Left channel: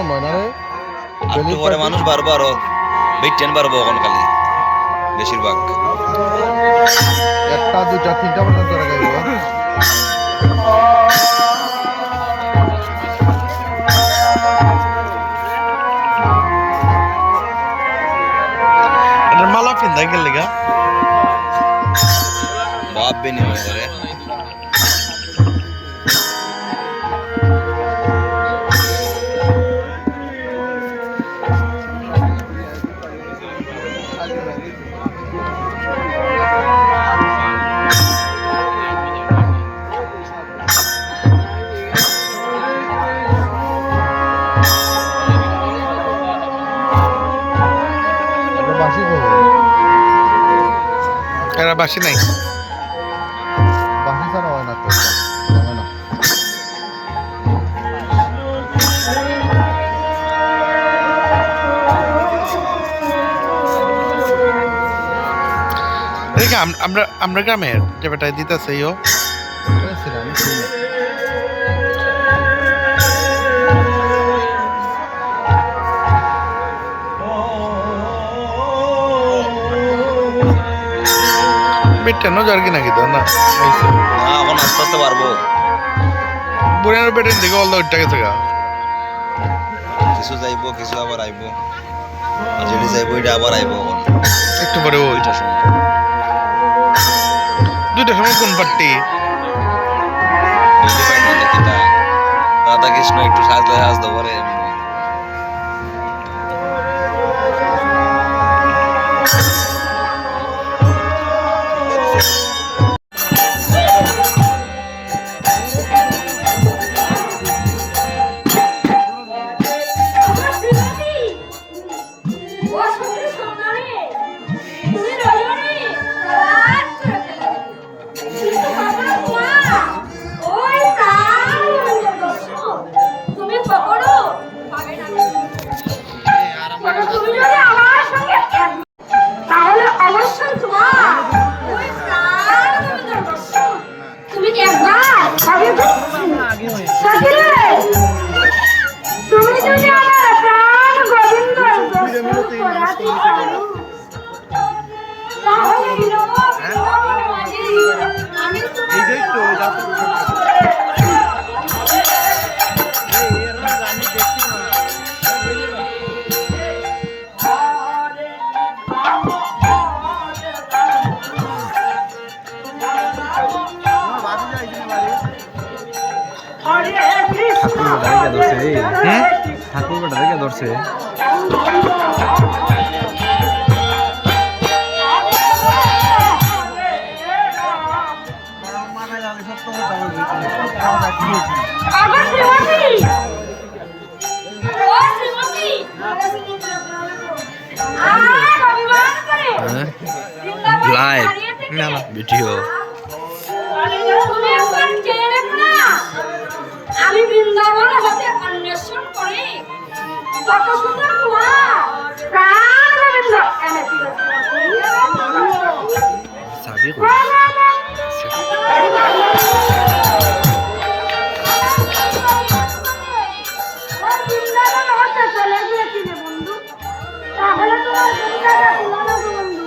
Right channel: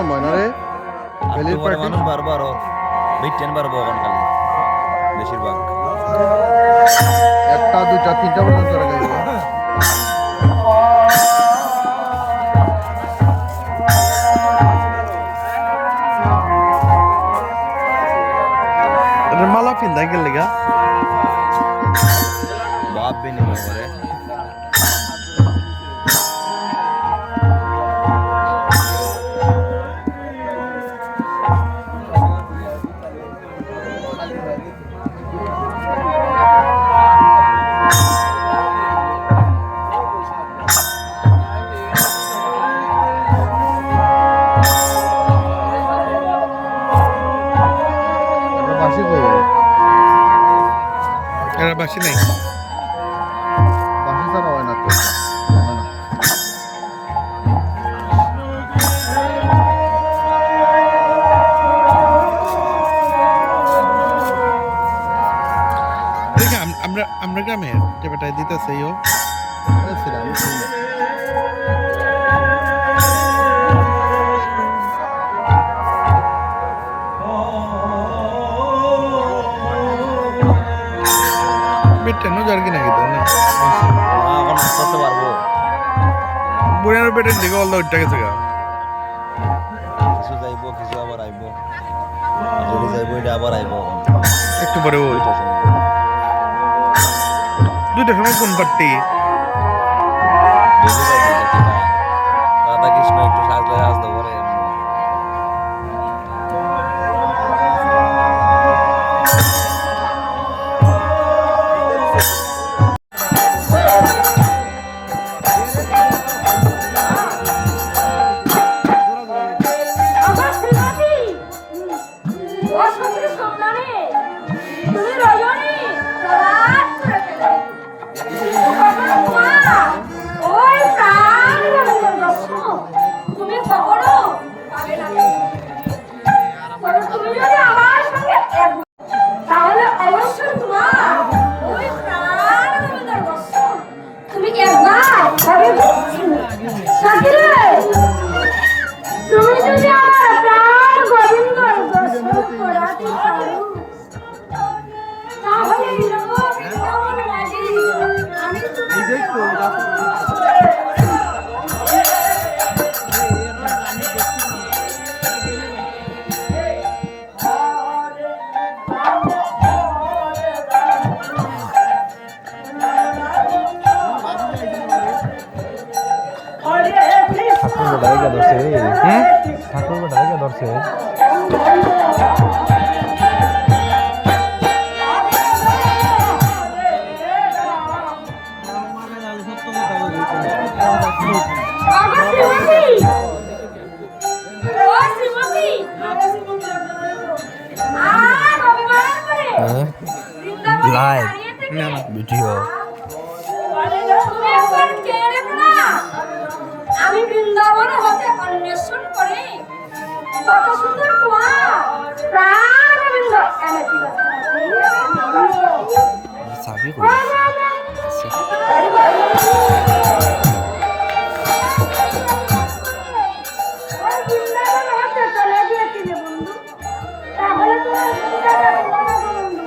সময় না রে একটু পরে মানুষ বারবো আরো বেটেন বারবো এখন খালি বেশিরভাগ 1টা 2টা 3টা পর্যন্ত রাখাইবো এটা মালা পিন্দা গেল লাগা বাপ বিনিময় করে এরা বাসি নাই বাসি ছাড়া হয় না তো দেখি আমরা গ্রামের যে বেটায় দিতেছে ইও বেটেনও জার্গি নাকি তো না এখন আস্তে আস্তে পারবো বুড়ানোর বেটেন দিকে অলদা উঠটা গেছে গা কিছু যাইবো কিছু আবার আইবো আর যেটা যাইবো এটা আবার আইবো এখন একটু পরে ওই ওইটার সময় 2টার সময় কোন পার্টি বুঝতে পারি না দেখি তা রাধা কৃষ্ণ একটু সাজলে সাজতে পারে এমনি ধরছে লাইভ না না ভিডিও আমি বৃন্দাবন হতে অন্বেষণ করে কত সুন্দর কুয়া প্রাণ গোবিন্দ সাবি বৃন্দাবন হতে চলে গিয়েছিলে বন্ধু তাহলে তোমার চিন্তাটা ছিল না বন্ধু